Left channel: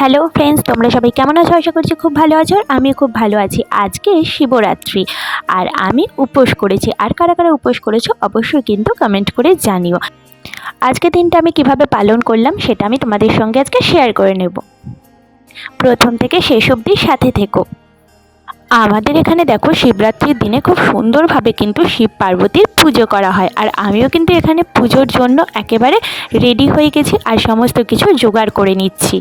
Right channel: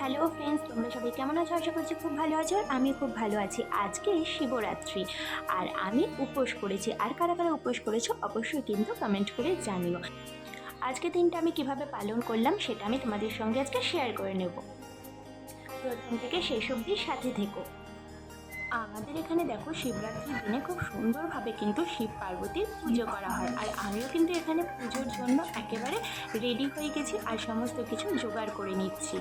Hello friends, তোমরা সবাই কেমন আছো? আশা করছি খুব ভালো আছো। আর আমি খুব ভালো আছি। আজকে শিবরাত্রি আর আমি উপোস করেছি। আর কারা কারা উপোস করেছো অবশ্যই কিন্তু কমেন্ট করে জানিও। আজকে দিনটা আমি কিভাবে পালন করলাম সেটা আমি তোমাদের সঙ্গে আজকে শেয়ার করে নেব। প্রথম থেকে শেষ অবধি সাথে থেকো। আমাদের এখানে দেখো, শিবরাত্রির দিনে খুব সুন্দরভাবে কিন্তু শিব পার্বতীর পুজো করা হয়। আর আমিও কিন্তু এখানে পুজোর জন্য একেবারে রেডি হয়ে গেছি আর সমস্ত কিছু জোগাড় করে নিচ্ছি।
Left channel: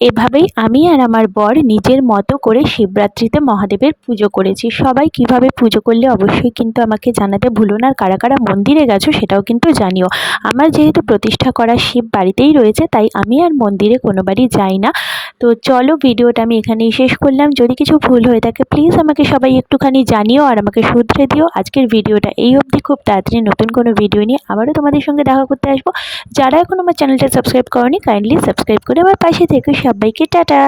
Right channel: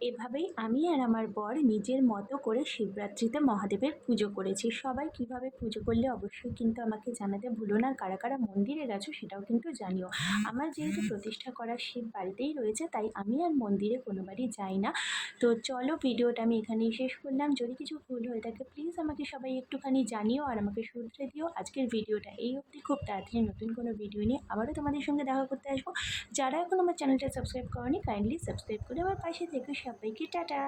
এভাবেই আমি আর আমার বর নিজের মতো করে শিবরাত্রিতে মহাদেবের পুজো করেছি। সবাই কিভাবে পুজো করলে অবশ্যই কিন্তু আমাকে জানাতে ভুলো না, আর কারা কারা মন্দিরে গেছো সেটাও কিন্তু জানিও। আমার যেহেতু প্রতিষ্ঠা করা শিব বাড়িতেই রয়েছে, তাই আমি আর মন্দিরে কোনোবারই যাই না। তো চলো, ভিডিওটা আমি এখানেই শেষ করলাম। যদি কিছু ভুল হয়ে থাকে প্লিজ আমাকে সবাই একটুখানি জানিও আর আমাকে শুধরে দিও। আজকের ভিডিওটা এই অবধি, খুব তাড়াতাড়ি নতুন কোনো ভিডিও নিয়ে আবারও তোমাদের সঙ্গে দেখা করতে আসবো। যারা এখন আমার চ্যানেলটা সাবস্ক্রাইব করোনি, কাইন্ডলি সাবস্ক্রাইব করে আমার পাশে থেকো। সবাইকে টাটা।